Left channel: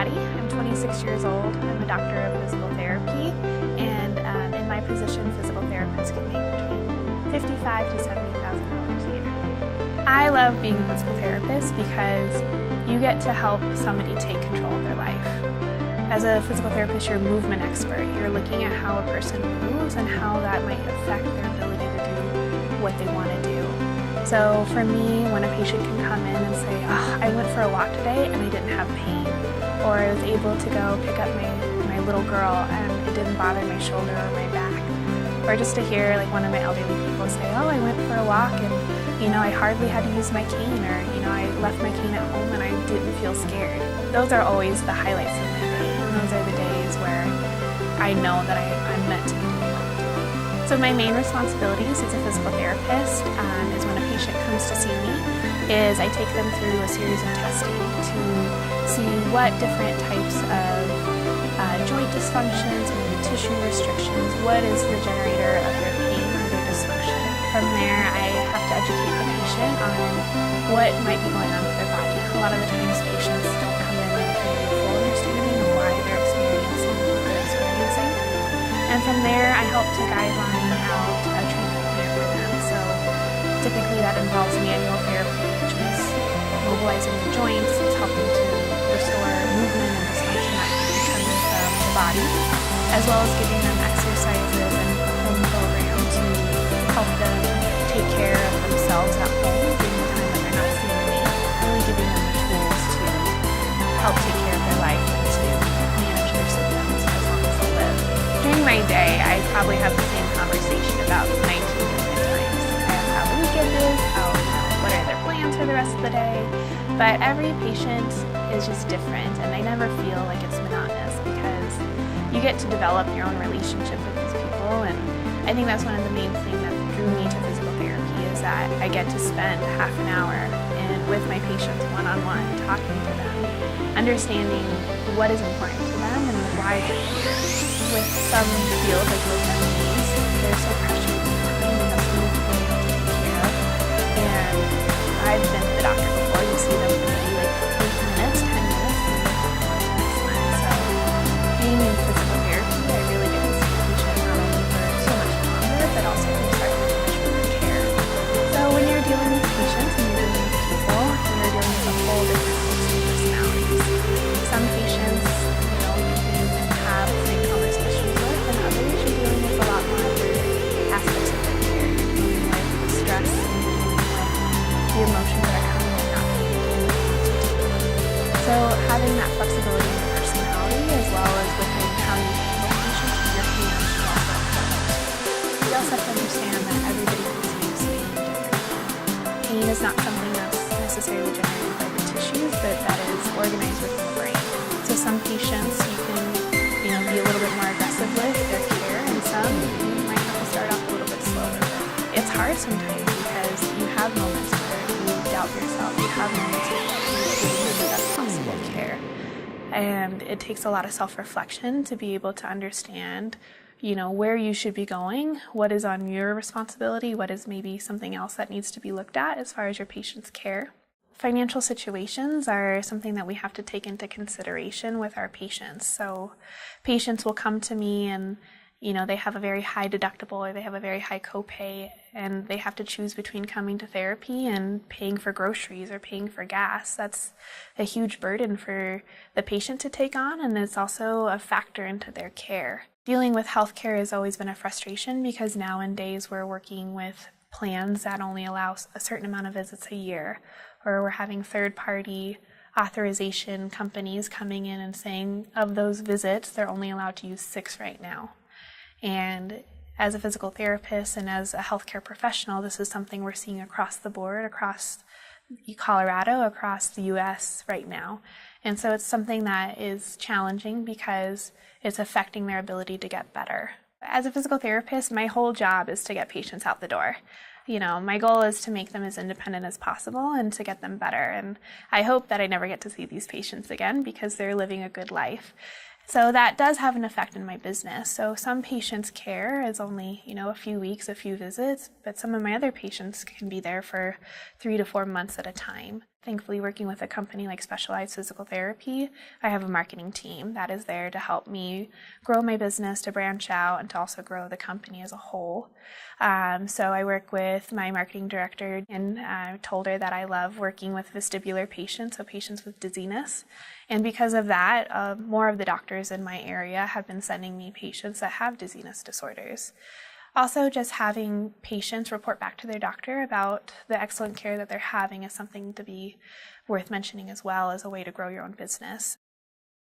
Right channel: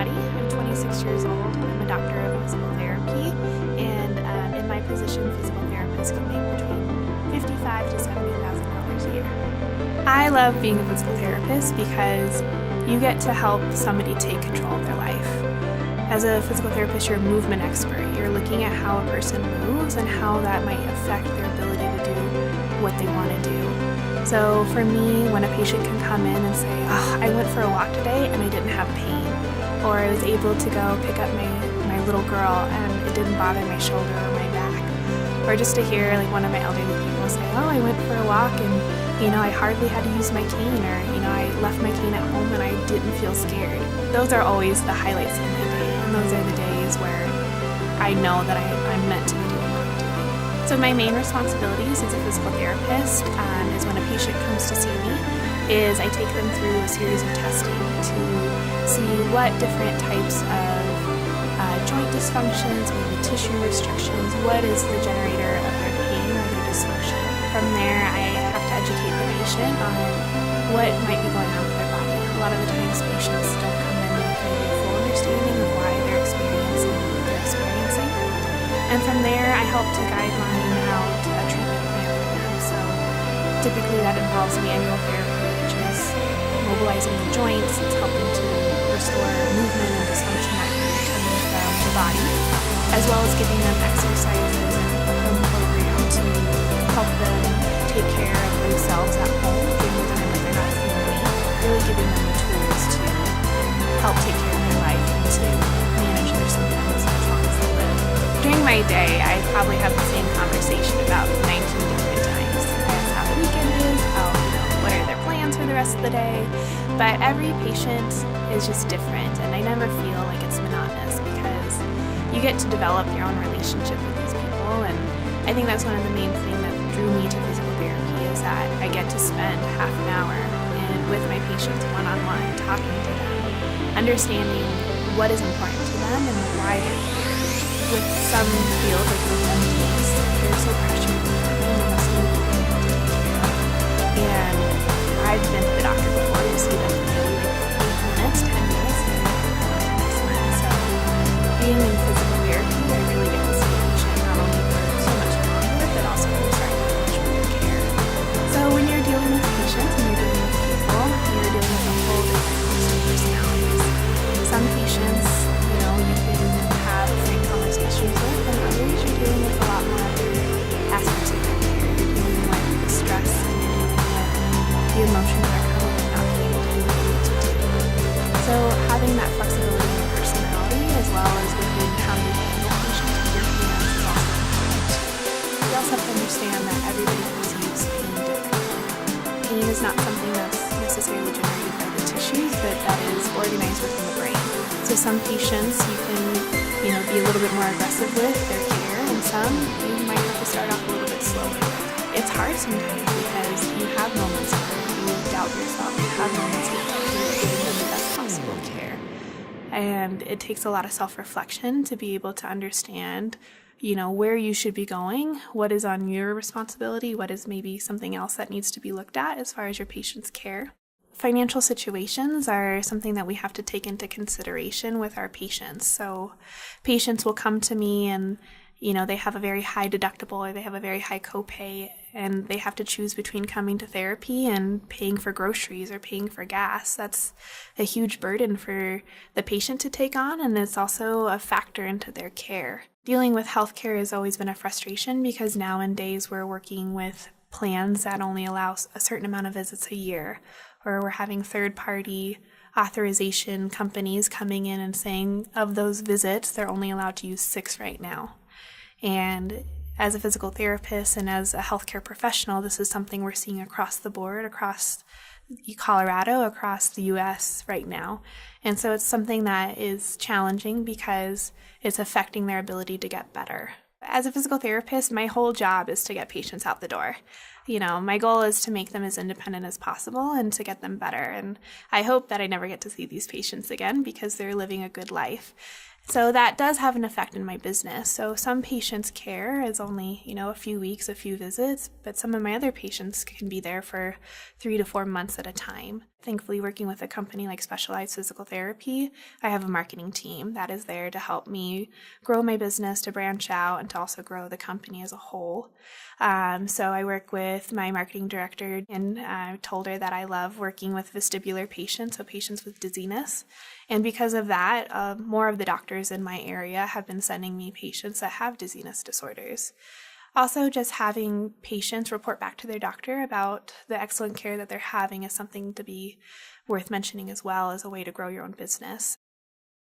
Maddie. I'm 26 years old. I'm a doctor in physical therapy, and in my position, physical therapists can make between $55,000 to $70,000 a year. I love being a physical therapist because you get to help somebody take control of their life. As a physical therapist, you're a movement expert. You're looking at how a person moves and how that might affect their ability to do what they want to do. So for me, when a patient can come in and say, oh, I went for a walk today and I didn't have pain, or I was able to go pick up my little girl and it didn't bother my shoulder or my back, or just to hear like one of my elderly people say, oh, I went for a walk and I hardly had to use my cane, or I left my cane at home and I didn't feel scared. Those are always the highlights of my day, and those are the days where I know that I'm meant to be doing that. So my main responsibilities as a physical therapist is when a patient comes to see me, is I take them through a series of testing to see what different types of joint dysfunctions or tissue restrictions, what is the generator of their pain or their dysfunction. From there, I have to educate the patient on what might be going on with their body. A lot of the times patients come in with a full understanding of why they're experiencing what they're experiencing. And from there, I help to guide them on how to treat them. So typically that involves manual therapy, which is mobilizing the joints, it's helping to restore movement and dysfunction that can come from the body, as well as giving them exercises and home program to help them take care of themselves at home, during the time that they're not feeling well, really giving them the tools to help take care of their life and to manage their symptoms as well as they live. During my day, I probably have the same conversation about 19 different times. How the weekend is, what are their plans for the rest of the day. But every patient is just different, and I never feel like it's monotonous because you get to develop your own relationship with these people. And I think that's one of the main things that drew me to physical therapy, is that I get to spend half an hour with my patients one-on-one, talking to them, understanding what is important to them and why they're here. With some fields like these, there's so pressure and I've been to the doctor before to see them for like minutes, 10 minutes, and so being in physical therapy, I really get to see the patient not only for too much longer, but also start to manage their care. So when you're dealing with patients and you're dealing with people, you're dealing with whole different personalities. Some patients, you can have same color issues with, and others you're dealing with a lot more aspects of their care. You're dealing with stress and the emotions that come with not being able to do what you do. So having that flexibility in your personality, as well as within how you communicate with your hands, you also have to understand that everybody receives pain differently. Pain is not something that's necessarily generated by the tissues, but that is organized within the brain. So some patients you can be a little bit more aggressive with their care, and some you might have to start off a little bit slower. It's hard sometimes because you have moments where you doubt yourself, you have moments where you feel like you need the best possible care. And it takes a lot of self-reflection to be able to understand where you should be going, what is on your responsibility, what is maybe something else that needs to be looked at as far as your patient's care. Financial situations are something that we have to take into consideration with our patients. So patients will come to me and they have a very high deductible or they have a very high copay, and they have to choose between coming to therapy and paying for groceries or paying for gas. That's a huge burden for the patient to take on, and it's also a factor into their care. Dealing with healthcare has always been a frustration because nowadays we're working with plans that only allow a certain amount of visits a year, or we're having third-party authorization companies coming in and saying of those visits, they're only allowed to use 6 right now. And as a physical therapist and as a healthcare professional, this is something we're seeing across the board, across Colorado, across the U.S. right now. And so it's something that is challenging because it's affecting their ability to get better. As a physical therapist, my whole job is to get patients out the door. My goal is to make them as independent as possible and to get them better. And I hope that I never get to see these patients again because they're living a good life. So that does have an effect in my business. So some patients' care is only, a few weeks, a few visits, but some of my other patients can be there for 3 to 4 months at a time. Thankfully, working with a company like Specialized Physical Therapy, I have a marketing team that is there to help me grow my business, to branch out, and to also grow the company as a whole. So I work with my marketing director, and I told her that I love working with vestibular patients, so patients with dizziness. And because of that, more of the doctors in my area have been sending me patients that have dizziness disorders. Also, just having patients report back to their doctor about the excellent care that they're having is something to be worth mentioning as well as a way to grow your own business.